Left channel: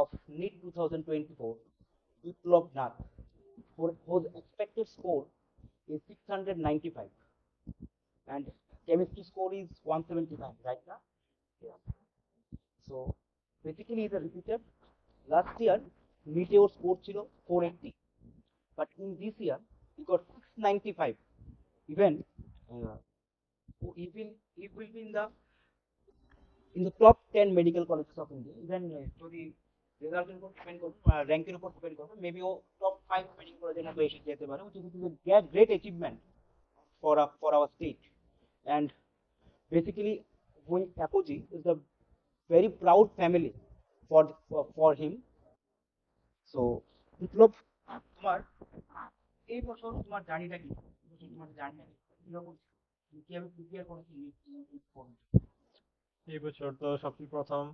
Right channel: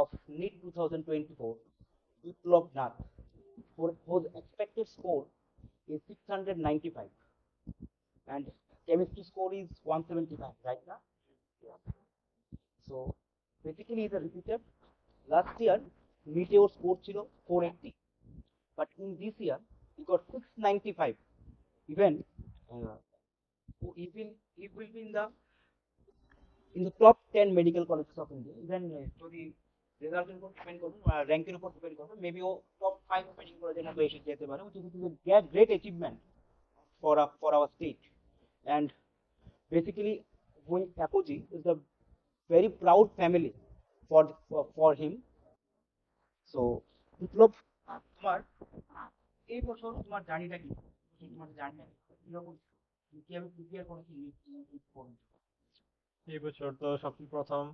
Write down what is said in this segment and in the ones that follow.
of NEET 2024, Biplab Nath, whose expected score is 695 and chemistry score is 175, right now? Yeah. So basically he's a repeater. Last year Meteor score ছিল 480, but in this year he got 695. Even uh, even he will be in the top 10 medical colleges of India. Even যদি রেজাল্টের উপর depend করবে, র্যাঙ্কের উপর depend করবে, maybe ও top 5 medical কলেজের মধ্যে এসে যেতে পারে, which is a great achievement for our state. And basically, going Apogee is a very proud family for him. So, বিপ্লব, তোমার এই বছর তোমার জার্নিটা কি? তোমার জার্নিটা কিরকম? তুমি কিভাবে প্রিপেয়ার করেছো নিট পর্যন্ত? এই বছর তো সবচেয়ে প্রথম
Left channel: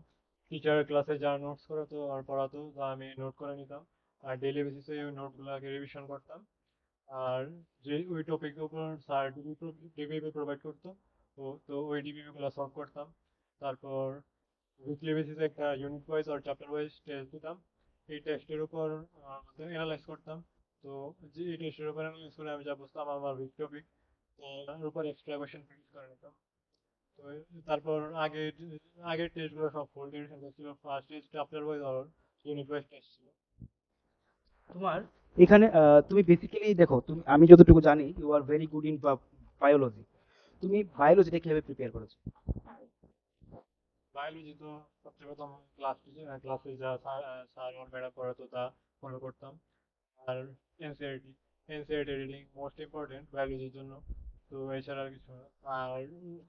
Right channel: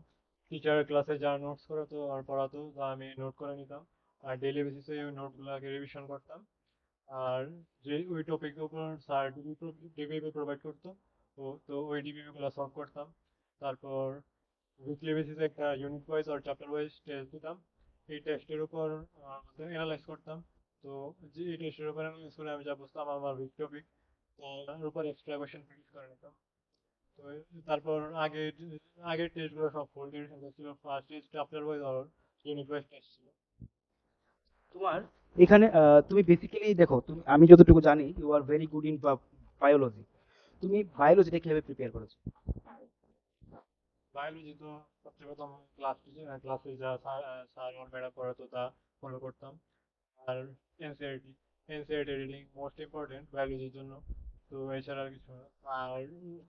টিচারের ক্লাসে যা নোটস করাতো আর পড়াতো তা আমি নোট করে নিতাম, আর ডেইলি বেসিসে ওই নোটগুলোকে রিভিশন করতাম। আর যে ওই টপিকের উপর স্যার ডিবিপি প্রোভাইড করতো, তো ওই ডিবিপি গুলো সলভ করতাম। তারপর উইকলি বেসিসে একটা ইউনিট ওয়াইজ আর চ্যাপ্টার ওয়াইজ টেস্ট দিতাম। এই টেস্টের উপর অ্যানালাইজ করতাম। তো যে এই টেস্টের উপর অ্যানালাইজ করে আমি যা বুঝতাম আমার উইক টপিক, তো তার উপর এক্সট্রা কোয়েশ্চেন প্র্যাকটিস করে নিতাম। তো তারপর আগের টেস্টগুলো সব ফুল ডিউরেশন ছিল, ফার্স্ট টেস্ট চ্যাপ্টার ওয়াইজ আর ইউনিট ওয়াইজ টেস্ট ছিল। তোমার এখানে তুমি বেসিক্যালি দেখো, তুমি আমি যতটুকু জানি you are very good in biology. তুমি বায়োলজিটা কিভাবে প্রিপেয়ার করেছো? বায়োলজি তো সবচেয়ে প্রথম ক্লাসে যা স্যার আর ম্যাডাম পড়াতো তা ফলো করতাম। আর NCERT NCERT reading most important বায়োলজির জন্য। তো এছাড়া আর কিছু না। আর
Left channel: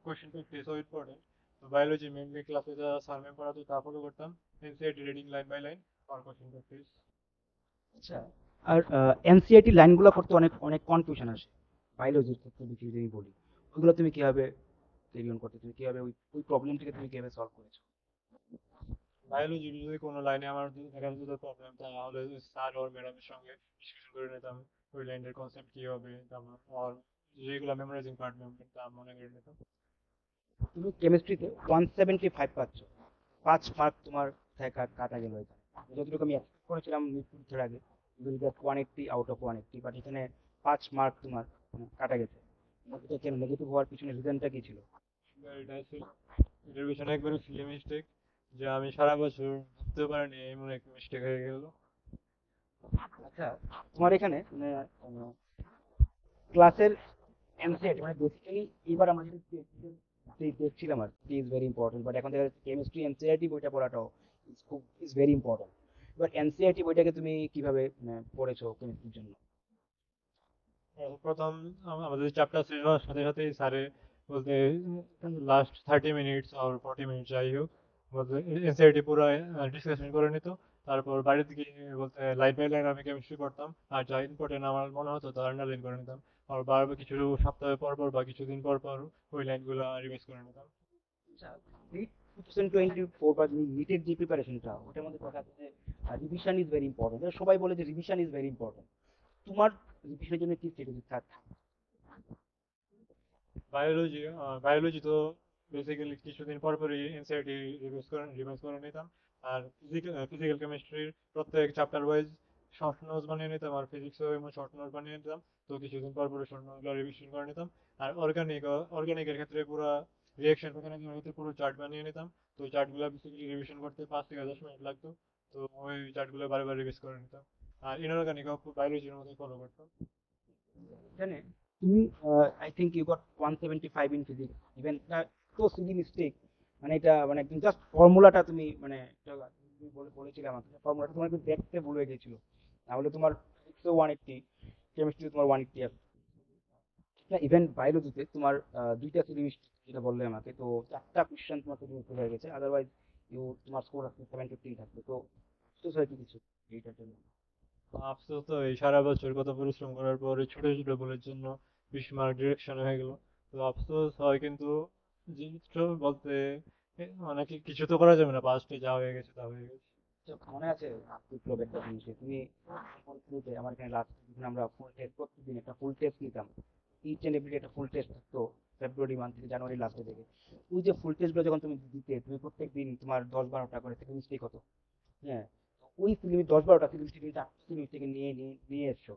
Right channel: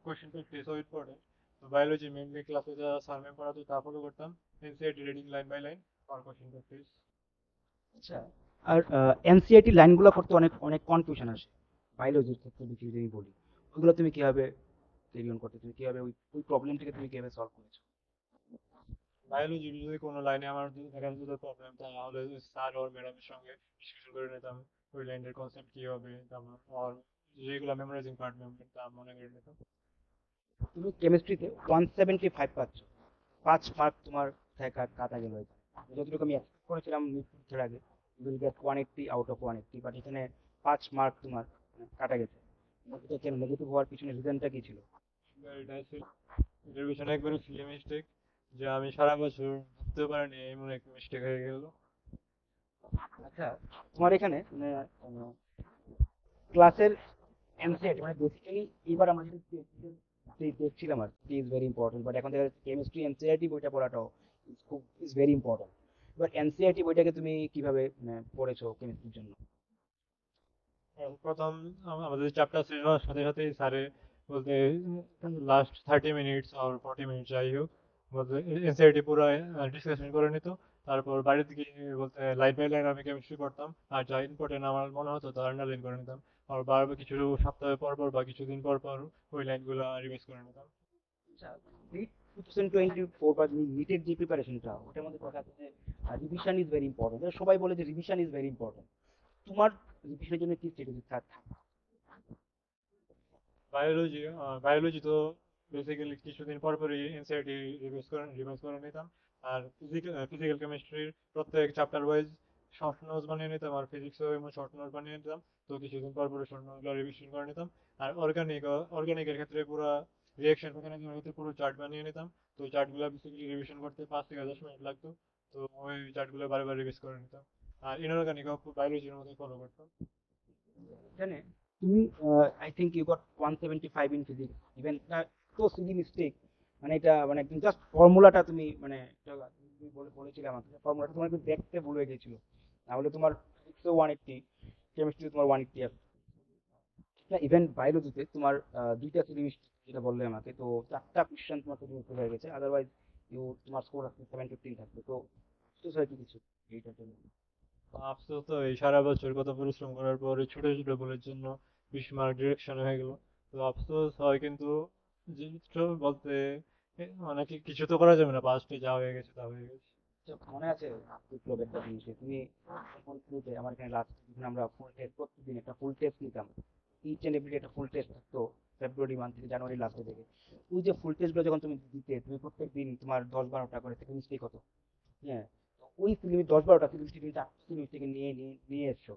কোয়েশ্চেন প্র্যাকটিসও ইম্পর্টেন্ট। তো বায়োলজি মেনলি ক্লাসে যা স্যার ম্যাম পড়াতো তা ফলো করতাম। NCERT reading line by line আর কোয়েশ্চেন প্র্যাকটিস। আচ্ছা। আর এনসিআরটি লাইনগুলো করতে অনেক অনেক কনফিউশন আসে বায়োলজির ক্ষেত্রে, বেশি যদি বলি ওগুলো তুমি কিভাবে ক্যারি অন করতে, তুমি কিভাবে ওই প্রবলেমটাকে তুমি কিভাবে সলভ করেছো? বায়োলজি যদি কোনো লাইনে আমার দেখা যেত প্রবলেম, তাহলে স্যার ওর ম্যাডামের সঙ্গে ডিসকাশন করে নিতাম ওই লাইনের কনসেপ্ট কি হবে, তারপর আর যেগুলো মেমোরাইজিং পার্ট তা মনে করে নিতাম। তুমি কেমিস্ট্রিতে 175 পাচ্ছ, 5 মার্ক তোমার কাটা গেল এখানে। যতটুকু আমি এক্সপেক্ট করেছিলাম নিট পরীক্ষার আগে will get 180 out of 180, but এখানে 5 মার্ক তোমার কাটা গেছে। এটা কেন নেগেটিভ হওয়ার পিছনে রিজনটা কি ছিল? এটা হচ্ছে এটার পিছনে একবারে সিলি মিস্টেক, যে আমি সারা বছর বুঝতে পারিনি এমন একটা মিস্টেক হয়ে গেল। আচ্ছা, তোমার এখানে ক্লাসের এনসিআরটি মানে বেসিক্যালি এবার আমরা যেটা দেখছিলাম আর ইজ ভেরি ইম্পর্টেন্ট, বাট এখন দেখা যাচ্ছে কেমিস্ট্রি এনসিআরটি বইটা পড়াটাও খুব ইজ ভেরি ইম্পর্টেন্ট। এবার এনসিআরটি বইটাকে তুমি কিভাবে পড়েছো কেমিস্ট্রির জন্য? প্রথম আমাদের চ্যাপ্টার শেষ হওয়ার সাথে সাথেই স্যারে বলতে লাস্ট 30 মিনিটস আর 40 মিনিট যাই হোক বলতে এনসিআরটি পুরো ডিসকাশন করে নিত। তারপর বাড়ি থেকে বলতে লাইন বাই লাইন আমি কেমিস্ট্রি পড়তাম, আর যা ইম্পর্টেন্ট আমার মনে হতো তা আন্ডারলাইন করে নিতাম। আর বারবার কিছু সপ্তাহ পর পর বা কিছুদিন পর পর ওই লাইনগুলো রিভাইজ করে নিতাম। আচ্ছা, নিট 2024 বা নিটের যে প্রিপারেশনটা ওটার মধ্যে কথা আছে যে রিভিশন ইজ ভেরি ইম্পর্টেন্ট, সবাই বলে যে রিভিশন ইজ ভেরি ইম্পর্টেন্ট। তোমার রিভিশনের জন্য কি স্ট্র্যাটেজি থাকে? বায়োলজি বায়োলজি তো বেসিক্যালি কিছুদিন পর পরই এনসিআরটি রিভাইজ করে নিতাম। আর ফিজিক্যাল কেমিস্ট্রির প্রত্যেক চ্যাপ্টার ওয়াইজ শর্ট নোটস বানিয়ে নিতাম, আর ফিজিক্সেও এমন শর্ট নোট বানিয়ে নিতাম। তো কিছুদিন পর পরে শর্ট নোটগুলো রিভিশন করে নিতাম। আর অর্গানিকের ক্ষেত্রে পুরো রিয়াকশন মেকানিজমের ক্ষেত্রে পুরো চার্ট বানিয়ে নিতাম। তো চার্টগুলো বেসিক্যালি রিভিশন করতে 5 থেকে 10 মিনিট লাগতো। তো ওই চার্টগুলো বারবার রিভাইজ করে নিতাম। আর ইনঅর্গানিকও বায়োলজির মধ্যে ফলো করতাম। জানে তুমি I think you got 175 in physics, even তো সিলি মিস্টেক, মানে এটা মানে জাস্ট ফর্মুলাটা তুমি মানে তুমি বলেছিলে আমাকে ফর্মুলাটা তোমার একটু দেখতে ভুল হয়ে গেছিল, তাহলে তোমার ফিজিক্সও 180, কেমিস্ট্রি তোমার 180 আছে। না, ইভেন বায়োলজিতে তোমার দুইটা সিলি মিস্টেক যেটা বললে আমাকে, তো 4টা কোশ্চেন তোমার সিলি মিস্টেক হয়ে গেছে, আদারওয়াইজ তোমার স্কোর আছে 715 থাকবে। তো তো স্যার কি কিছু এইটার জন্য? আফসোস তো এই সারা বছর কত পরিশ্রম করার পর এই ছোট ছোট ভুলের জন্য 20 মার্ক ডিরেকশনে হয়ে গেল। তো আফসোস হয়, কিন্তু জিনিসটা বলতে অনেক কিছু তো করা যাবে না, পাস্টে যা হয়ে গেছে তা হয়ে গেছে। তো মনে আছে বিপ্লব একটা জিনিস যে তুমি শুরুতে আমার এখানে লাস্ট যখন আমরা ফুল টেস্ট প্রতিদিন একটা ফুল টেস্ট নিতাম, ইচ এন্ড এভরি একটা ফুল টেস্ট থাকতো ফেব্রুয়ারি মান্থ থেকে জানুয়ারি লাস্টের দিকে। ওই যে ফুল টেস্টগুলো যখন তুমি দিতে, তুমি প্রত্যেক দিন তোমার 10-12টা করে থেকে মিস্টেক হতো। হ্যাঁ, ওই সিলিমি 10-12টা সিলিমি থেকে 4 সিলিমি থেকে নিয়ে এসছো,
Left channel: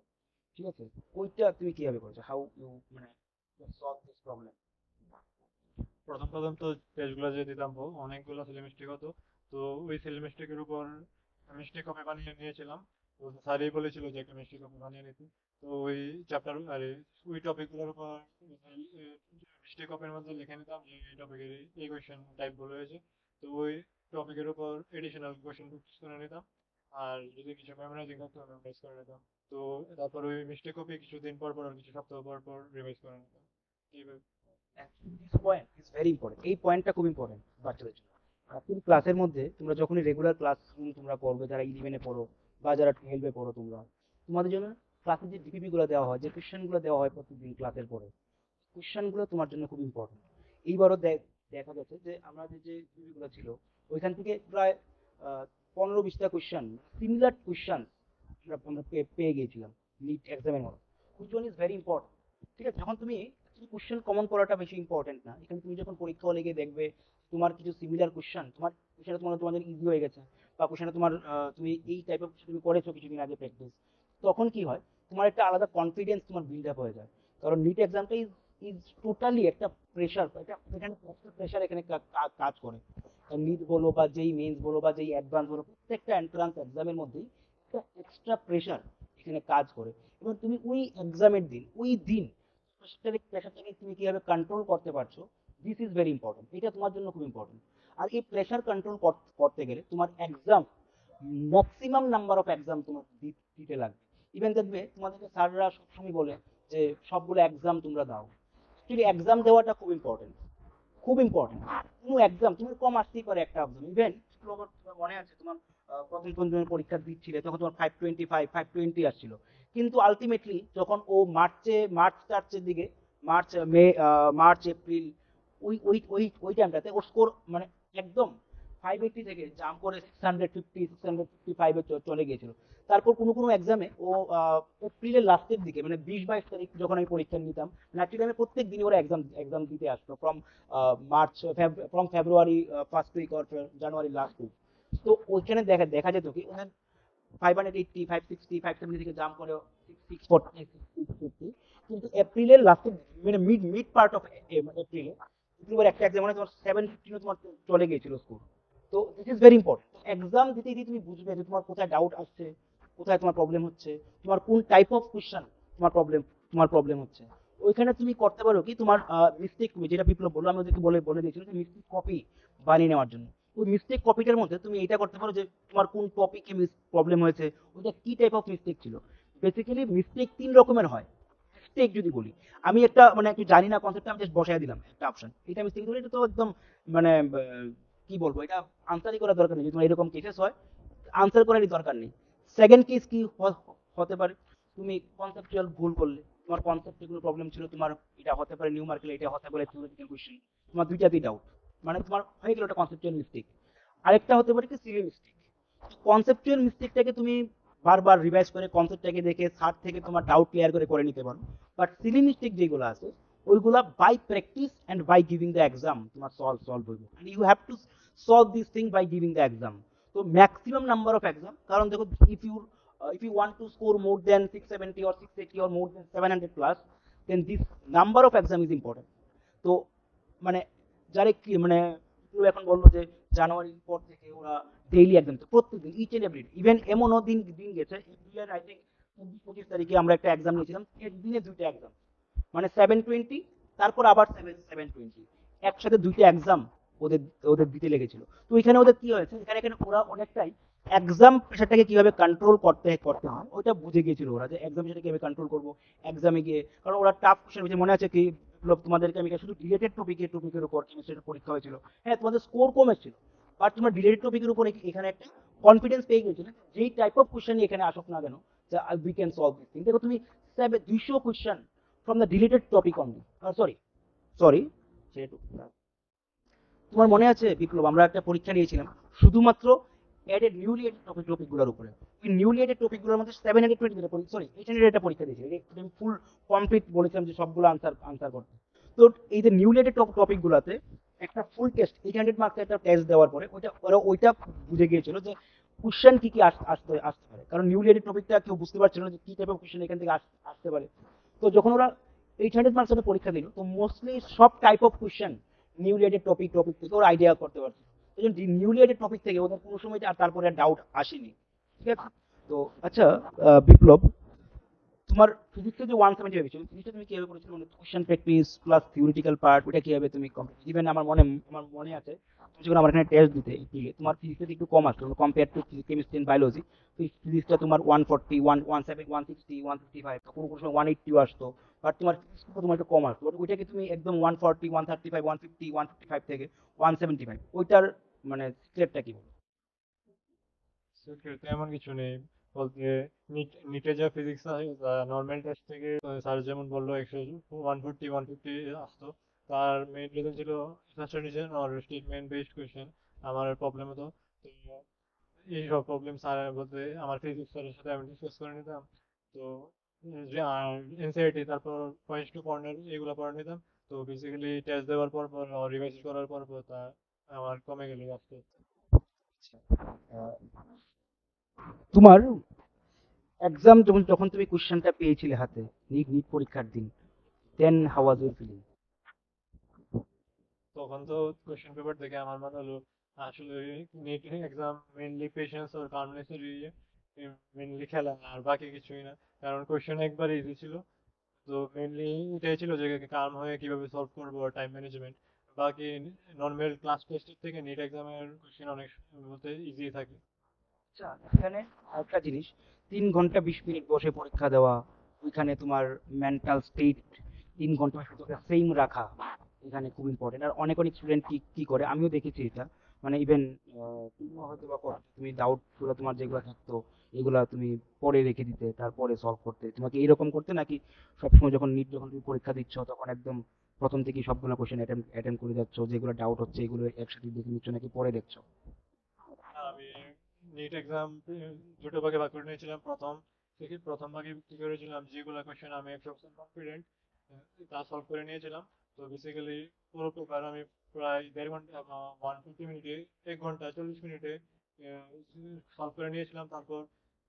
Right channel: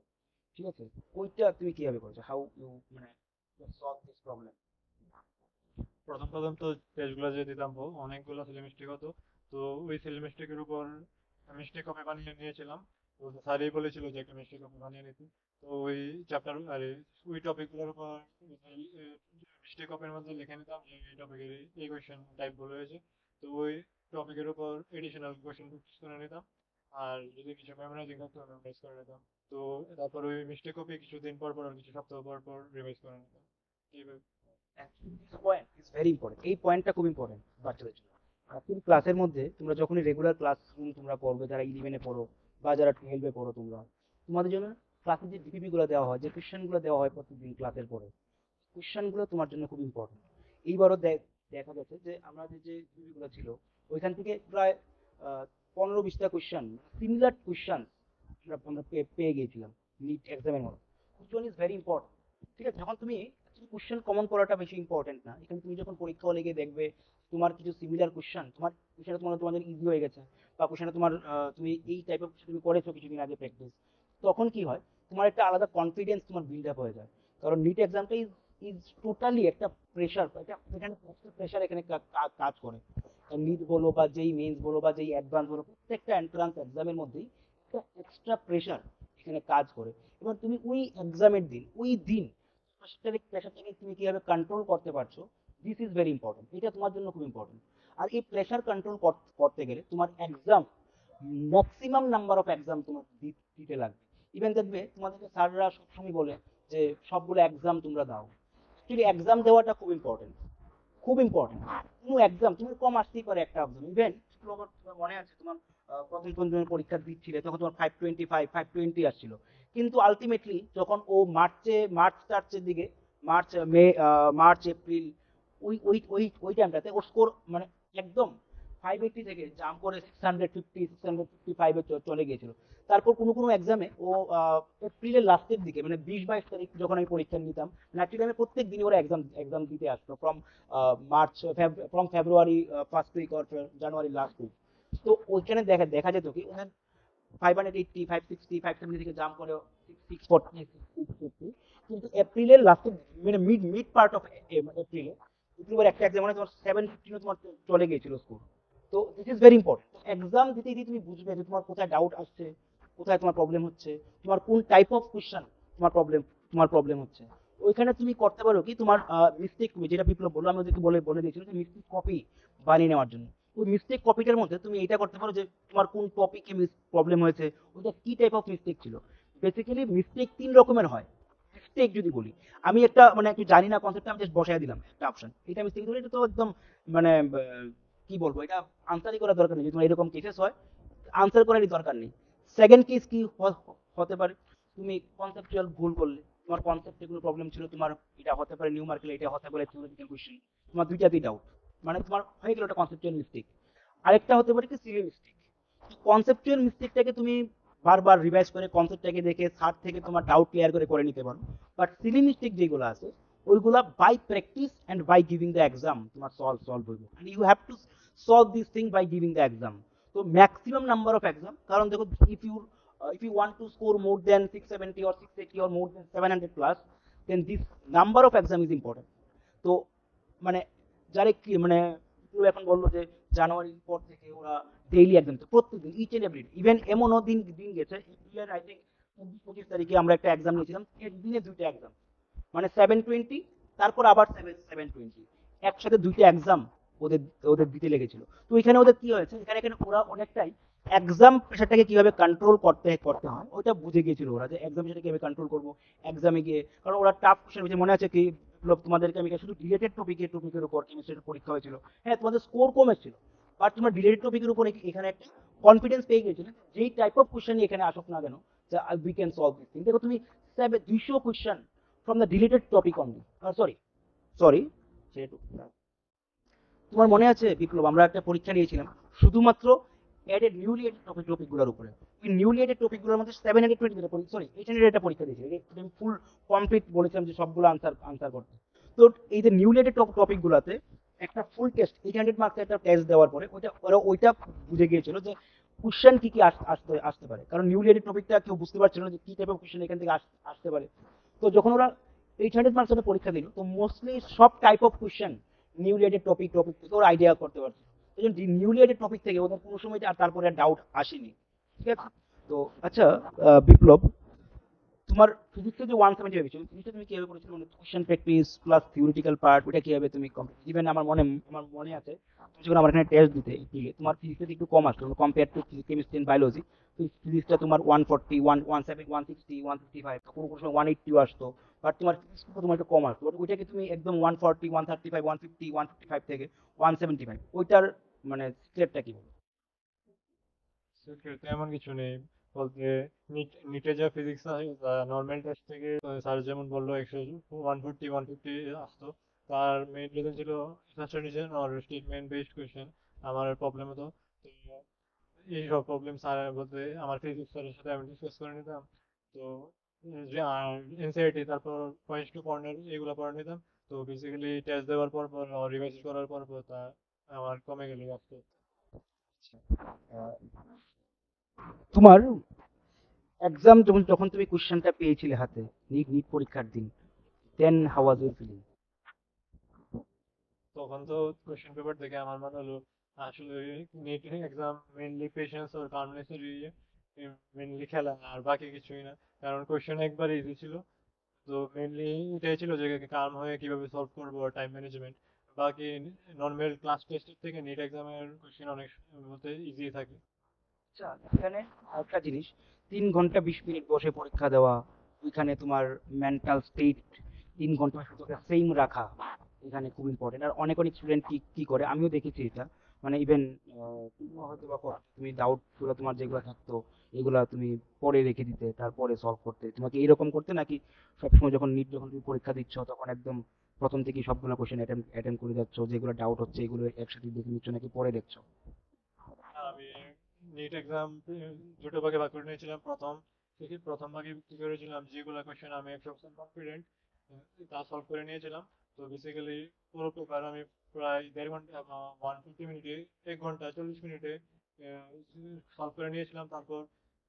ঠিক আছে? ওইটা তুমি কিভাবে করেছো, হাউ ইউ মানে সলভ দিস প্রবলেম? প্রথম প্রথম তো টেস্টগুলো যে দিতাম অনেকগুলো সিলি মিস্টেক হতো। তো ওই সিলি মিস্টেকের উপর মিস্টেক কপি বানিয়ে নিয়েছিলাম। তো স্যারই বলেছিল যে একটা মিস্টেক কপি বানিয়ে নিতে। তো ওই চ্যাপ্টার আরে ওই টপিকগুলোর উপর মিস্টেক কপির মধ্যে লিখে নিতাম যে এই টপিকের এই কোয়েশ্চেন টাইপ বলে হয়েছে। তো ওই টপিকের উপর এডিশনাল কোয়েশ্চেন প্র্যাকটিস করে নিতাম। আর যদি কিছু মেমোরাইজিং থাকতো মেমোরাইজ করে নিতাম। তো তারপর ওই মিস্টেক কপি কিছুদিন পর পর আর কিছু সপ্তাহ পর পর রিভাইজ করে নিতাম। This point is very important, এই পয়েন্টটা খুব ইম্পর্টেন্ট বাচ্চাদের জন্য। তুমি ক্লাসের মধ্যে তোমরা যখনই রেগুলার ক্লাস তোমরা করবে, যারা 11-এ পড়ো বা যারা 12-এ পড়ো, তোমাদের জন্য ক্লাসে যে ডিপিপি গুলো দেওয়া হয়, যে কোশ্চেন গুলো দেওয়া হয় প্রতিদিন ক্লাসের পরে, কোশ্চেন গুলো তোমার জন্য খুব ইম্পর্টেন্ট। এইবারও দেখা গেছে যে আমাদের যে ডিপিপি গুলো ছিল, ওইখান থেকে প্রায় 15-20টা কোশ্চেন, সিমিলার কোশ্চেন আমরা পেয়ে গিয়েছিলাম নিট এক্সামের মধ্যে। Which one is very important, ঠিক আছে? যখন তুমি কোশ্চেন কমন করাটা বেশি ইম্পর্টেন্ট না, এখানে তুমি যখন পরীক্ষা হলে গিয়ে দেখবে তোমার কিছু সিমিলার কোশ্চেন, সেটা তোমাদের ইজি হয়ে গেছে, বা কোশ্চেনটা তুমি এই টাইপ অফ তুমি করেছো কিছুদিন আগে প্র্যাকটিস, তখন কি হয়, তোমার একটা আলাদা কনফিডেন্স তোমার বিল্ড আপ হয়ে যায়। কারণ নিট এক্সামটা ইজ টোটালি একটা প্রেশার, এখানে প্রেশার এখানে কাজ করে। নিট বলো বা যেই মেন্স বলো বা যেই অ্যাডভান্স বলো, প্রত্যেকটা এন্ট্রান্স এক্সামের মধ্যেই একটা এক্সট্রা প্রেশার এখানে কাজ করে। এবার তুমি ওই এক্সামের দিন, ওই দিন প্রেশারটাকে তুমি কিভাবে কন্ট্রোল করতে পারছো, দিস ইজ ভেরি ইম্পর্টেন্ট, এটা তোমার জন্য খুব ইম্পর্টেন্ট। আর এই প্রেশার কন্ট্রোল করতে গেলে তোমার exam, maximum number of exam তোমার দিতে লাগবে। ইভেন দেখবে তোমাদেরকে স্যাররা সবসময় বলে যে সবগুলো এক্সাম তোমরা দাও, কিন্তু এক্সাম দেওয়াটা খুব ইম্পর্টেন্ট, খুব ইম্পর্টেন্ট। কোনো এক্সাম তোমার কম আসতেই পারে, একটা এক্সাম ইভেন তোমার মনে আছে তোমার প্রথম তুমি পরীক্ষা দিচ্ছিলে তখন তোমার 520 আসছিল, কিন্তু আলটিমেটলি যখন ও মার্চের দিকে, মার্চ এপ্রিল, ওই টাইমটাতে ওর স্কোর মানে একদম 580 থেকে জাম্প করে 650 655 চলে গিয়েছিল। তারপর কোনো এক্সামে ও এপ্রিলের লাস্টের দিকে মানে 20-22 তারিখ যখন আমি পরীক্ষা নিতাম, নাকি আমি প্রত্যেক দিনই ওরা এক্সাম দিতে আসতো from February first week or January last week. তো ওইখানে দেখা যেত কি 580 560 570 থেকে জাম্প করে 640 650, কিন্তু এপ্রিলের লাস্টের মানে মিড পার্ট অফ এপ্রিলে তোমার একটা এক্সাম মানে তোমার 750 তোমার চলে গিয়েছিল স্কোর। তো this is very important. Exam দিতে দিতে তুমি বুঝবে যে তোমার কোথায় ডাউট আসছে, কোথায় তোমার প্রবলেম হচ্ছে, তোমার কোন টাইপ অফ কোশ্চেন তোমার প্রবলেম হচ্ছে। ওইখানে তুমি করতে পারো কি, তোমার মিস্টেক, যেটা বিপ্লব বললো, আমি ওদেরকে বলে দিয়েছিলাম মিস্টেক কপি বানিয়ে নেওয়ার জন্য। ওই মিস্টেক কপিটার মধ্যে তুমি এটা করতে পারো যে তোমার কোন টপিকে প্রবলেম হয়েছে, ওটা কি টাইপ অফ মিস্টেক ছিল। বেসিক্যালি মিস্টেক 3 রকমের হয়। মিস্টেক যদি বলি, আমি একটা মানে একটু জানি না কনসেপ্টটা, আমি জাস্ট বসাই দিলাম একটা অপশন, এটা মিস্টেক বলি, এটা তো একদম মানে কি বলবো, এটা আনসারই করার দরকার নেই, যদি তোমার এরকম কেসেস হয় আনসার করারই দরকার নেই। সেকেন্ড কেস কি হতে পারে, তুমি কনসেপচুয়াল ভুল করলে, তোমার কনসেপ্টে কোনো প্রবলেম ছিল, তোমার এটা হতে পারে নিউমারিক্যাল, এটা হতে পারে থিওরিটিক্যাল কোশ্চেন, তোমার দুইটাতেই ডাউট, মানে তোমার হয়ে গেল একটা কনসেপচুয়াল মিস্টেক। আরেকটা হতে পারে কি সিলি মিস্টেক। কনসেপচুয়াল মিস্টেকটাকে তুমি বারবার রিভাইজ করে কনসেপ্টটাকে দেখে স্যার থেকে তোমার ডাউট ক্লিয়ার করে নিতে পারো। বাট সিলি মিস্টেক যেগুলো আছে, ওইগুলা by practice and by giving the exam তোমার সলভ হইবে, you have to solve this thing by giving the exam. তো ম্যাক্সিমাম নাম্বার অফ এক্সাম, কারণ দেখো if you want to score more than 670 or 680 or more than 700 plus, then this number of exam is important. তো মানে যারা কি মানে কেউ এখন বললো যে জানুয়ারির পর থেকে ওরা ডেইলি এক্সাম, তো প্রত্যেকদিন ইচ এন্ড এভরি ইভেন এমনও দিন দিন গেছে এপ্রিলের আই থিঙ্ক 25 তারিখে আমরা একটা এক্সাম নিয়েছিলাম, একদিনে দুইটা এক্সাম, মানে 720, তারপর আবার 720, একসাথে দুইটা এক্সাম ওদের ওদের দিতে লেগেছিল। তো এখানে ওদের কি হয়েছে, এখানে ওরা অনেকটাই এক্সাম প্রেশারটাকে কিভাবে কন্ট্রোল করতে হয় ওটা বুঝে গিয়েছিল ওরা, যে এক্সাম প্রেশারটাকে কিভাবে কন্ট্রোল করবো এক্সামে গিয়ে। কারণ ওরা টাফ কোশ্চেন, মনে আছে কি তোমাদেরকে আমি শুধু রিলেটেড টপিকের উপর কেমিস্ট্রির পরীক্ষা হয়েছিল, হ্যাঁ তোমাদের স্কোর কম এসেছিল, বাট তোমার রিলেটেড টপিকের উপর এখানে একটা কনফিডেন্স পেয়ে গেছিল, যেই টাইপ অফ কোশ্চেন এখানে আসুক না কেন, যে we can solve this thing. দেখো তুমি 200 question from the related topic only, sorry যেহেতু তোমার মনে আছে বিপ্লব, আমরা একটা পরীক্ষা নিয়েছিলাম শুধুমাত্র অ্যাডেড নিউলি এডেড টপিকগুলোর উপরে। নিউলি এডেড টপিকগুলোর মধ্যে 720 সরি 800 একটা পরীক্ষা দিয়েছিল, আমি ফুল কমপ্লিট বলেছিলাম যে সবগুলো আনসার করতে। তো এই যে নিউলি এডেড টপিকগুলোতে একটা ফুল টেস্ট 800 মার্কস একটা টেস্ট দেওয়ার পরে ওইটা বুঝে গিয়েছিল যে কোশ্চেন কি কি আসতে আসতে পারে, কারণ নিউলি এডেড টপিকটা কেউ বুঝতে পারছিল না যে কি টাইপের কোশ্চেন এখান থেকে আসতে পারে। তো যখন ওরা 800 মার্কস পরীক্ষা দিল, তো মোস্টলি সব type of question newly added topic থেকে ওরা আইডিয়া করতে পারছে। নিউলি এডেড টপিক থেকে ওদের কোনো সময় আর তারপরে ডাউট আসেনি, ঠিক আছে? তো আচ্ছা, বিপ্লব, তোমার ফিজিক্সে যে 175 হয়েছে, ফিজিক্সটা তুমি কিভাবে করেছিলে? মানে question practice plus theoretical part, ওটা কিভাবে তুমি কমপ্লিট? ইভেন আমার মনে আছে তুমি যখন আমার এখানে টেস্ট দিতে, ঠিক আছে, তোমার ফিজিক্সে একটু কম আসলো compare to chemistry and biology. ফিজিক্সটা তোমার 140, 170, 160, 155, কোনো কোনো সময় 180 আসতো। বাট তোমার ফিজিক্সটা তোমার একটু কম আসতো, বাট ওইটাকে তুমি একদম 140, 135, 150, 155 থেকে 175, ওইটার মানে স্টেপটা কি? সেক্ষেত্রে এমন কিছু নেই বলতে, নিটে যা ফিজিক্স নর্মাল টেস্ট থেকে স্যার যেমন বললো 140 150 আসতো, তার মেইন রিজন ছিল স্যাচুরেশন আর স্টেটমেন্ট বেসড কোয়েশ্চেন আমার প্রবলেম হতো। তো এইসব প্রবলেম স্যার বলতে আমার ফিজিক্স স্যারের সাথে আমি ডিসকাস করে নিতাম। তো এনসিআরটি, তারপর পয়েন্টস টু কর্নার, এগুলো পড়ে নিতাম। তো বেসিক্যালি টেস্ট দেওয়ার পর রিভাইজ করার পর তা আমার কমে গেল আস্তে আস্তে। আহ, তোমার এক্সাম যখন যখন তুমি কোশ্চেনটা পেয়েছিলে হাতে, নিট নিট পরীক্ষার দিন, then how was your feeling? তখন তো কোশ্চেন পেপার দেখে আমার মনে হলো আসলে নিট এক্সাম মেনলি পেশেন্স আর কার্নেসের মেনলি খেলা, আর বাকি কিছুই না। কারণ কোশ্চেন একবার ইজি ছিল, তো মেনলি এটাই ছিল যে কার্ম হয়ে কিভাবে সলভ করবো, টাইম ম্যানেজমেন্ট। বাকি নর্মাল ক্লাস টেস্টের থেকে নেট এক্সামের কোশ্চেন অনেক বলতে ইজি থাকে। আচ্ছা, এখানে একটা জিনিস, 3 ঘন্টা 20 মিনিট বসে পরীক্ষা দেওয়া, ওইখানে তোমার মেন্টাল স্টেট 3 ঘন্টা ভিতরে সেম রাখা, এখানে খুব ইম্পর্টেন্ট। আর অনেক অনেক স্টুডেন্ট কি কি করে, আমিও দেখেছি এটা, মানে ইভেন তুমিও হয়তো বা করো, তুমি ডাউট গুলো তোমার যেগুলো থাকতো এগুলা তুমি পরে রেখে দিতে, তারপরে সলভ করতে, তোমাকে এরকম করতে নাকি সবসময় যখন নিট যখন তুমি পরীক্ষা দিচ্ছ তখন একদম প্রথম থেকে সবগুলো কোশ্চেন অ্যাটেম্প করে যাচ্ছ, যেগুলো ডাউট হচ্ছে এগুলো একসাথে দেখে নিচ্ছ নাকি পরে দেখছো? আমি নিট এক্সাম দুটো ভাগে ভাগ করে নিয়েছিলাম। প্রথম ভাগে কি করেছিলাম, যেগুলো কোয়েশ্চেন আমি 100% কনফিডেন্ট তা সলভ করে নিয়েছিলাম। তো বেসিক্যালি পুরো পেপার আমি প্রায় 1.5 ঘন্টা বা 150 মিনিটে, 1 ঘন্টা 40 মিনিটে সলভ করে নিয়েছিলাম। তারপর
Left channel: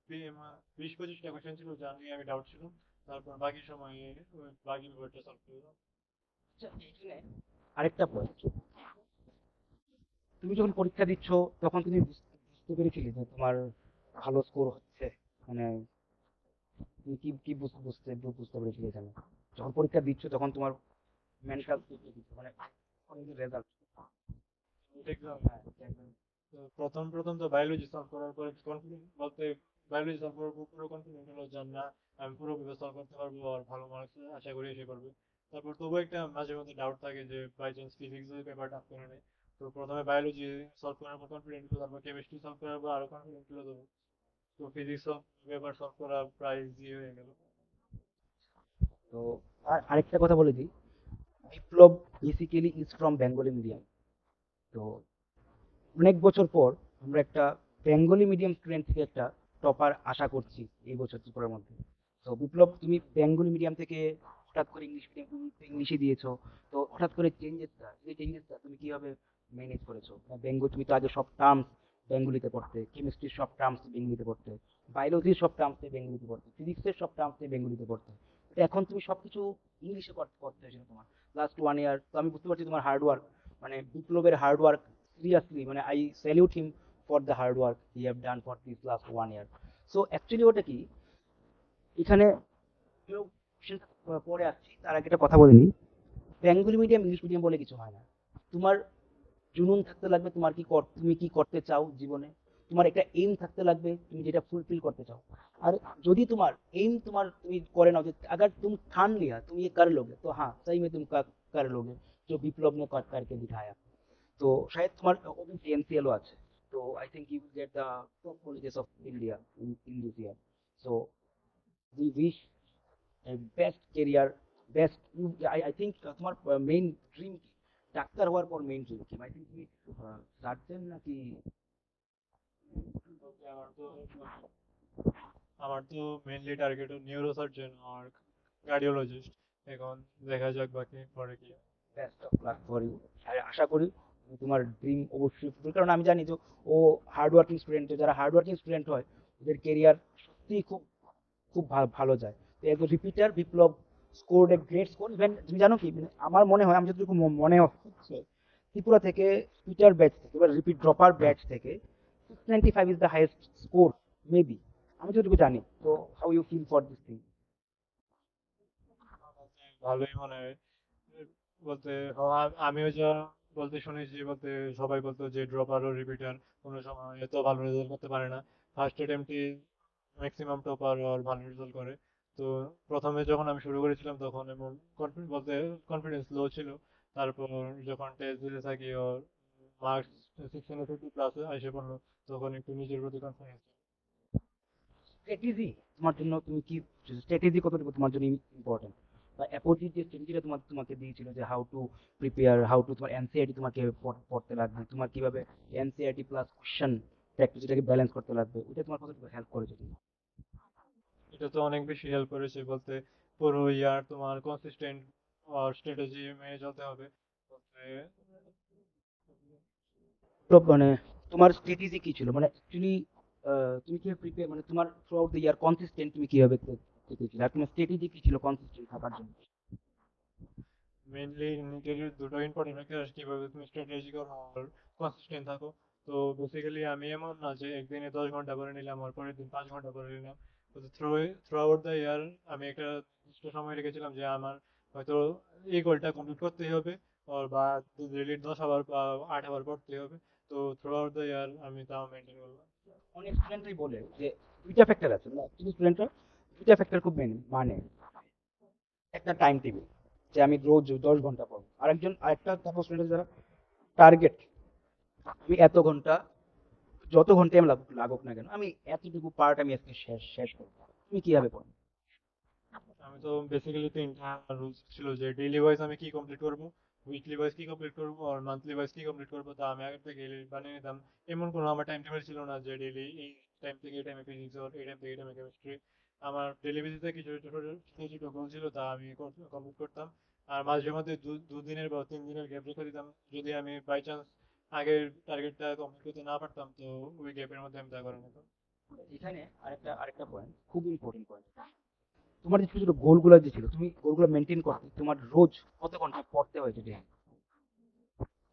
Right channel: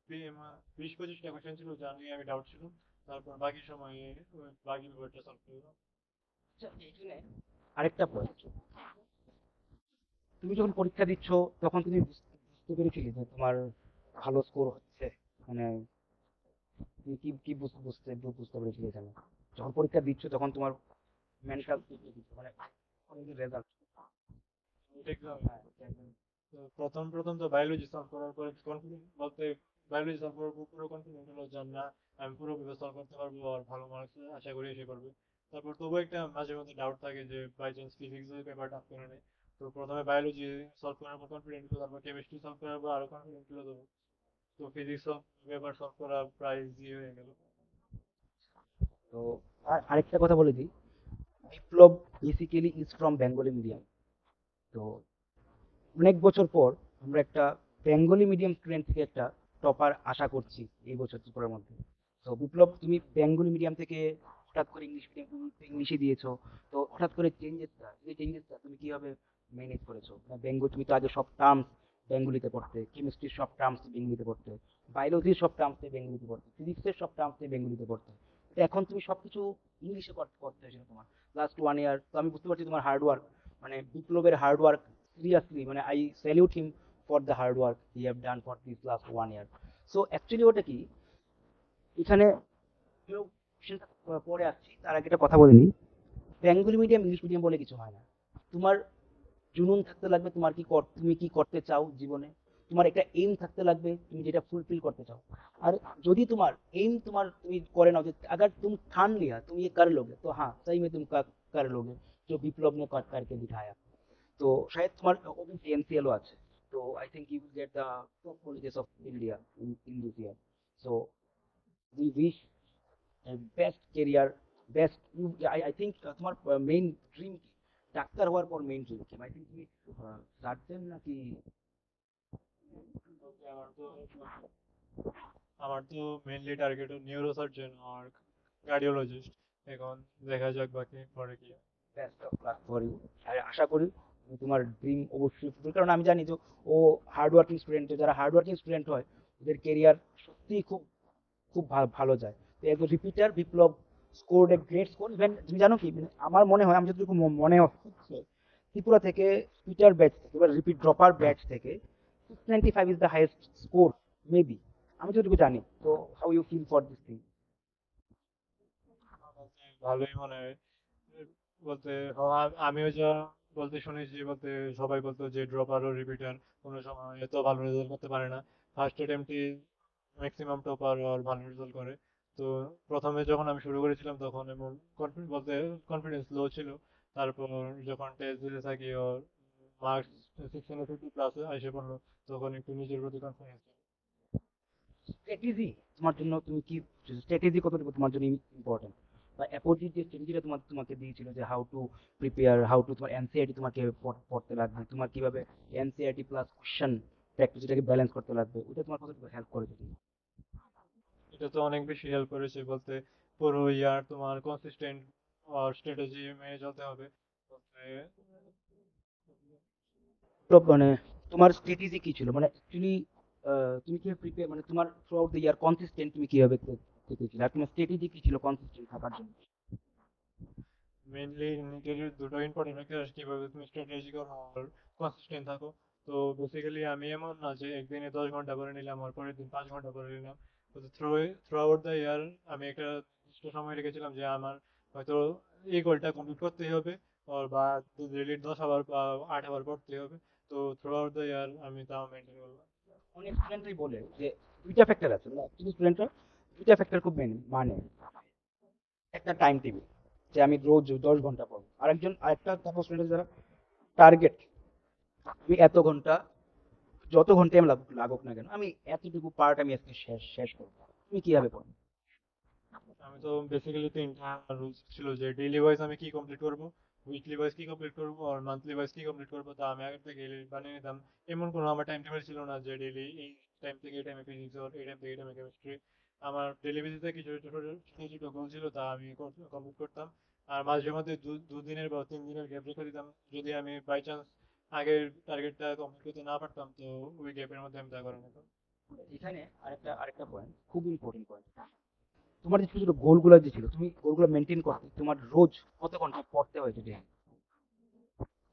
20-25টা কোয়েশ্চেন ছিল যা নিয়ে আমি ডাউট ছিল, তারপর বাকি সময়ে বাকি পেপারটা সলভ করলাম। আচ্ছা, এখানে আরেকটা পয়েন্ট, তুমি যখন পরীক্ষা দিচ্ছ তখন তুমি বুঝতে পেরেছিলে যে তোমার ভালো স্কোর হচ্ছে, মানে তুমি কি কি বুঝতে পেরেছিলে এখানে যখন পরীক্ষা দিচ্ছ তখন তোমার মেন্টাল মানে রেজাল্ট? নিট এক্সাম, তো প্রথম প্রথম তো বায়োলজি সলভ করার পরে কনফিডেন্ট বলতে, বায়োলজি সলভ করার পর পুরো কনফিডেন্ট হলো যে না, আমি পুরো সলভ করতে পারবো আর ভালো মার্কস আশা করি এসে করবো। তারপর তবু একটা মাঝে মধ্যে ডাউট থাকে যে বাই চান্স ফিজিক্সের পেপারটা আপ করে নেয়। তো প্রথমে বায়োলজি সলভ করার পর কনফিডেন্ট হলো, তারপর কেমিস্ট্রি সলভ করার পর আরো কনফিডেন্ট হলো। তো ফিজিক্স পেপার সলভ করা প্রায় ইজি হয়ে গেল। তো আরেকটা কথা বলেছি, Biplab basically is from Bengali medium. তো অনেক বছর পর আমরা একটা বেঙ্গলি মিডিয়াম স্টুডেন্ট থেকে একটা টপার আশা করছি এই বছর ত্রিপুরার মধ্যে। তো বিপ্লব, তুমি বেঙ্গলি মিডিয়াম থেকে হঠাৎ করে ইংলিশ মিডিয়াম, তুমি ইংলিশে দিয়েছো, তো হঠাৎ করে চেঞ্জেসটা তুমি কিভাবে ম্যানেজ করেছো? বেঙ্গলি তুমি তো আগে সব টার্মস বেঙ্গলিতে পড়তে, কেমিস্ট্রির সব টার্মস বেঙ্গলিতে পড়তে, বায়োলজির সব টার্মস বেঙ্গলিতে পড়তে, ফিজিক্সের সব টার্মস বেঙ্গলিতে পড়তে, তো এখন তুমি সবকিছু ইংলিশে করতে হয়েছিল তোমার লাস্ট 1 ইয়ার। আমি বুঝতে পারছি তোমার হার্ড ওয়ার্ক, মানে বিপ্লবের হার্ড ওয়ার্ক, সিরিয়াসলি মানে I salute him for the hard work he have done for this last 1 year. So actually ওটা কি, এখানে কেউ সেটা পরে আসছি, তার আগে একটা কথা বলে নিই, বেঙ্গলি মিডিয়াম ইংলিশ মিডিয়াম বলে কিছু হয় না। তোমার জুনুন থাকতে লাগবে, তুমি কি করতে চাও জীবনে, তোমার একটা এইম থাকতে লাগবে, তুমি যেটা ফুলফিল করতে চাও। আর যদি তোমার এইম তুমি করে নাও যে अगर तुम ठान लिया तुम ये कर लोगे, तो हाँ सही में तुम कर लोगे, जो विप्लव ने करके दिखाया। तो शायद তোমার PMCL ও আছে। তো I think you will get the top colleges of India in this year. So we wish a best career, best I think তোমার মেইন ড্রিম কি, ডাক্তার হওয়ার পর মেইন ড্রিম কি? I think কি সার্জন নাকি? Okay, আমার তো মেনলি টার্গেট নিউরো সার্জন আর কার্ডিওলজিস্ট। এখন দেখা যাক বাকি পরে কি হয়। Best of luck for you. আশা করি তোমার ড্রিম অবশ্যই fulfill, কারণ আমি জানি যে ও হার্ড ওয়ার্কিং স্টুডেন্ট, যারা হার্ড ওয়ার্কিং স্টুডেন্ট হয় ওদের কেরিয়ার সত্যিই খুব খুব ভালো যায়। তো as a repeater Biplab scored a great score. Even তুমি জানো কি, মানে আমার মনে হয়, আমি যতটুকু মনে হচ্ছে, ত্রিপুরা থেকে রিপিটার ব্যাচ থেকে বা রিপিট ড্রপার ব্যাচ থেকে 695 is the highest score maybe, আমি যতটুকু জানি। তো how you feel for this thing? ভালোই মনে হয় বলতে। আমিও যা বলতে শুনেছি, বলতে সবাই বলতো যে ড্রপার ও রিপিটার কোনো সময় এত ভালো রেজাল্ট করতে পারে না। ফার্স্ট অ্যাটেম্পটে ম্যাক্সিমাম টপার আর ভালো রেজাল্ট করে। তো প্রথমে যখন আমি শুরু করেছিলাম তখন এমন বলতে কনফিডেন্স লো ছিল। তারপর যখন টেস্ট দিতে থাকি ওর মার্কস 650 প্লাস এসে পড়লো, তখন একটু নিজের প্রতি কনফিডেন্স। স্ট্র্যাটেজি তোমার জন্য, তুমি কি স্ট্র্যাটেজি কতটুকু তোমার জন্য ইম্পর্টেন্ট? অ্যাপ্রোচ যে স্ট্র্যাটেজিটা তোমাকে দিয়েছিল, যে how to prepare, how to তোমার এনসিআরটি তোমাকে পড়তে লাগবে, তোমার কিভাবে এনসিআরটি প্লাস কোশ্চেন প্র্যাকটিস এটাকে ব্যালেন্স করতে লাগবে, ওটা তোমার কতটুকু হেল্প করেছে তুমি? এটা তো অনেক বেশি হেল্প করেছে বলতে। পুরো ইয়ার তোমার কনসিস্টেন্ট আর স্ট্র্যাটেজি মেনে চলতে হবে বলতে। তো মানে তোমার স্ট্র্যাটেজি কি ছিল, মানে অ্যাকচুয়ালি তুমি কি প্রিপেয়ার, মানে তোমার through out the year consistent তুমি কিভাবে থেকেছিলে, আর তোমার স্ট্র্যাটেজি কি ছিল কনসিস্টেন্ট থাকার জন্য? মেইনলি নিজের দুটো ইম্পর্টেন্ট ফ্যাক্টর, কিভাবে তুমি স্ট্র্যাটেজি কনসিস্টেন্ট থাকো। তো বেসিক্যালি আমি এমন না যে একদিনে 10 ঘন্টা করে নিলাম আর পরের দিন 5 ঘন্টা করে নিলাম। তো থ্রু আউট দ্য ইয়ার আমি একটা নির্দিষ্ট সময় রেখেছিলাম যে আমার হয়তো এই গোলটা কমপ্লিট করতেই হবে, আর বা ডেইলি 10 আওয়ার বা 8 আওয়ার পড়তেই হবে। তো থ্রু আউট দ্য ইয়ার আমি তাও মেনটেন করলাম। অনেক স্টুডেন্টই বলে যে দুইটা ফ্যাক্টর আছে, মানে কিছু স্টুডেন্টরা দুইটা ফ্যাক্টর খুব মানে একটা টাইম টেবিল, যে আমি রোজ 10 ঘন্টা পড়বো, আরেকটা তারপর স্টুডেন্ট যারা টার্গেট, আমি এত ঘন্টা, যত ঘন্টায় আমি লাগুক না কেন, আমি এতটুকু পার্ট আমি আজকে শেষ করবো। তুমি কিভাবে পড়ো? আমি তো বেসিক্যালি তিনটা রুলস ছিল যে ডেইলি ওয়াইজ আমি কি কমপ্লিট করবো, উইকলি ওয়াইজ কি কমপ্লিট করবো, আর মান্থলি ওয়াইজ কি কমপ্লিট করবো। তো আমি আগে থেকে লিস্ট বানিয়ে নিতাম। এমন কোনো আমার টাইম টেবিল ছিল না যে ডেইলি এই টাইম থেকে এই টাইমে ফিজিক্স, আর এই টাইম থেকে এই টাইমে কেমিস্ট্রি। আমার ডেইলি বেসিসে কিছু ছোট ছোট ছোট গোল ছিল, তা আমি কমপ্লিট করতাম। আর মাঝে মধ্যে দুদিনের বা 3 দিনের গ্যাপ রেখে দিতাম, যদি আমি বাই চান্স আগের টার্গেটটা কমপ্লিট করতে না পারতাম, তো ওই গ্যাপের মধ্যে আমি তা করে নিতাম। এখানে আরেকটা পয়েন্ট, খুব ইম্পর্টেন্ট পয়েন্ট, তোমার যে ছোট ছোট গোলগুলো যে ছিল, তুমি গোলগুলো মেনটেন করতে তোমার রোজ কত ঘন্টা পড়তে হয়েছে যে?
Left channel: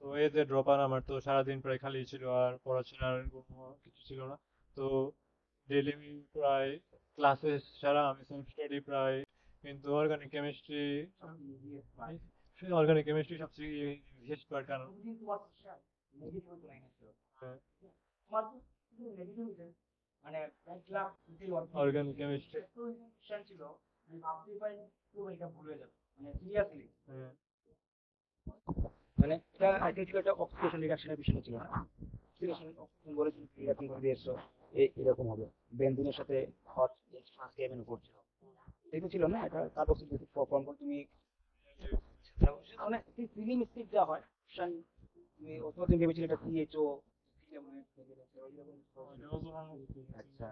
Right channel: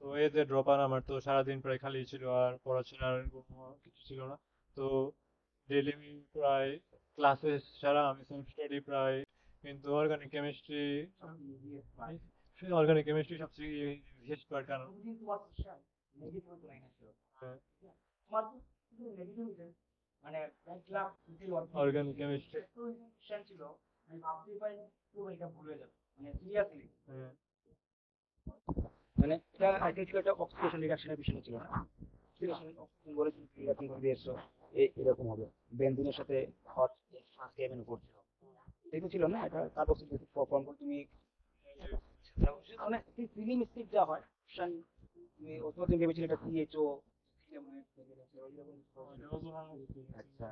তো এই যে ড্রপার, আমার তো সারাদিন প্রায় খালি ছিল আর পড়াশোনার কিছু ছিল না। তো ডেইলি প্রায় ক্লাসেস ছাড়া আমি সেলফ স্টাডি প্রায়, কিন্তু অর্গানিক কেমিস্ট্রি সবচেয়ে হেল্প করে কেন। হ্যাঁ, মানে অর্গানিক কেমিস্ট্রি। ছিল, আমি ভাবতেই পারিনি পুরো এটা ভুলে যাবে, মানে সিরিয়াসলি। মানে এটা আইডিয়া ছিল, একটা অক্সিডেশন রিডাকশনের বিষয় ছিল না? অক্সিডেশন, তুমি বলেছিল রিডাকশন দিয়েছো, এরকম হবে, বেনজিনের সাথে কেমিন করছে, এটা ছিল না, এটা কার্বক্সিল ফর্ম করে তুমি মানে তুমি মিস্টেক যা হয়, তুমি তুমি ভেবেছিলে এটা সিএইচও। আচ্ছা,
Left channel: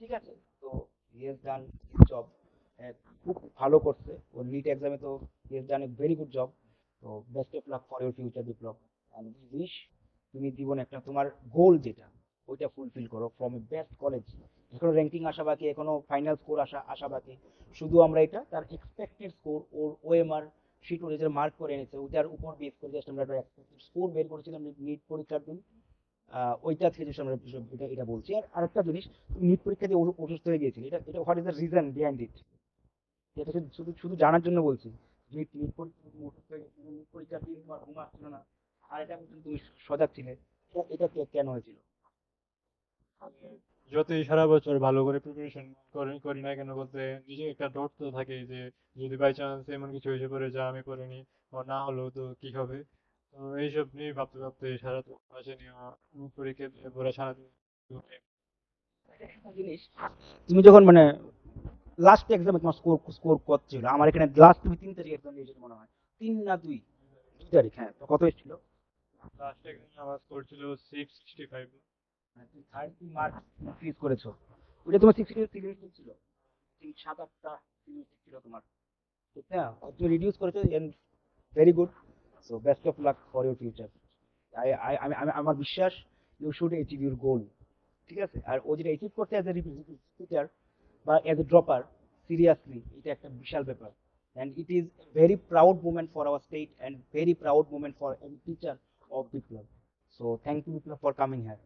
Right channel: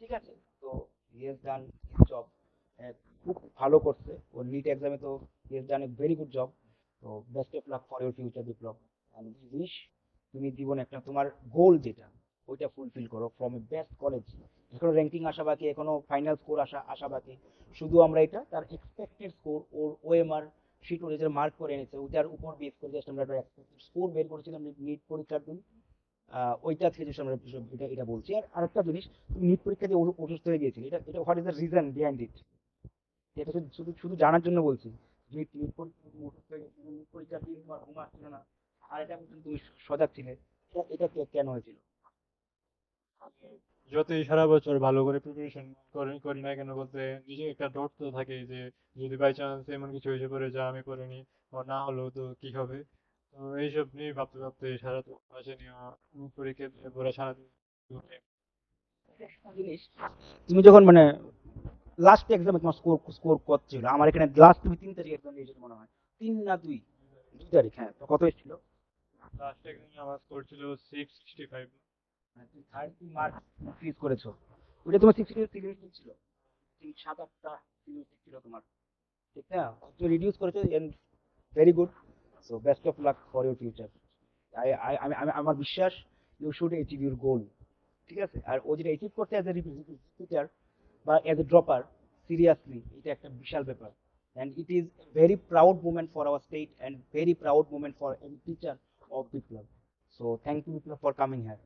ঠিক আছে। তো হি হ্যাজ ডান জব, খুব ভালো করছে ও নিট এক্সামে। তো he has done a very good job. তো best of luck for your future Biplab, আমি উইশ তুমি জীবনে একটা তোমার গোল যেটা, ওইটা ফুলফিল করো ফ্রম এ বেস্ট কলেজ। এখনো র্যাঙ্কিং আসা বাকি, এখনো ফাইনাল স্কোর আসা বাকি। শুধু আমরা এটা তার এক্সপেক্টেড স্কোর, ওর ওএমআর শিট, ওর যে মার্ক করে এনেছে ওইটার উপর বেস করে জাস্ট আমরা একটা এক্সপেক্টেড স্কোর বের করেছিলাম নিট পরীক্ষার দিন। ওইটা থেকে just আমরা এটা বলছি। আর আরেকটা জিনিস, তুমি নিট পরীক্ষা দিয়ে অসুস্থ হয়ে গিয়েছিলে, এটা what is the reason behind it? এটা শুধু শুধু শুধু জানার জন্য বলছি। নিট নিট পরীক্ষা তুমি অসুস্থ হয়ে গেছিলে, নিট পরীক্ষার দিন তোমার ঘুম আসছিল না, আর এটা কিন্তু তুমি সজাগ ছিলে, এটা কেন হয়েছিল? যতই সারা বছর ভালো করে প্রিপারেশন করি না কেন বলতে, নিজে একটা ডট তো থাকে যে যদি বাই চান্স এমন কিছু হয়েছে করে যা আমি করিনি বা না হলেও তো কি হবে। তো এইসব নিয়ে ভাবতে ভাবতে সারা মাসে নিয়ে পরীক্ষা দিয়ে পরে সারাদিন। একটা জিনিস, তুমি যখন মানে লাস্ট এক্সামে তোমার স্কোর স্কোর কত ছিল? আমার এখানে লাস্ট তুমি 3 তারিখ এক্সাম দিয়েছো মনে হয়, 3 না 2 তারিখ, হ্যাঁ, তো কত এসেছিল? লাস্ট এক্সামে আমার স্কোর ছিল 665। 30 মার্ক ইনক্রিজ করেছো, ওটা তোমার 60 ছিল, 7-8টা ছিল তোমার, ঠিক না? তুমি রিডিউস করেছো, very good. So best of luck for your future. আমার বিশ্বাস you should achieve your goal. ঠিক আছে, আর ও যেটা অ্যাচিভ করতে অ্যাজ এ টিচার বা অ্যাজ এ ড্রপার, সিরিয়াসলি এটা একটা বিশাল ব্যাপার, and it is very proud moment for our state and very proud moment for any teacher of Biplab. So thank you Biplab for coming here.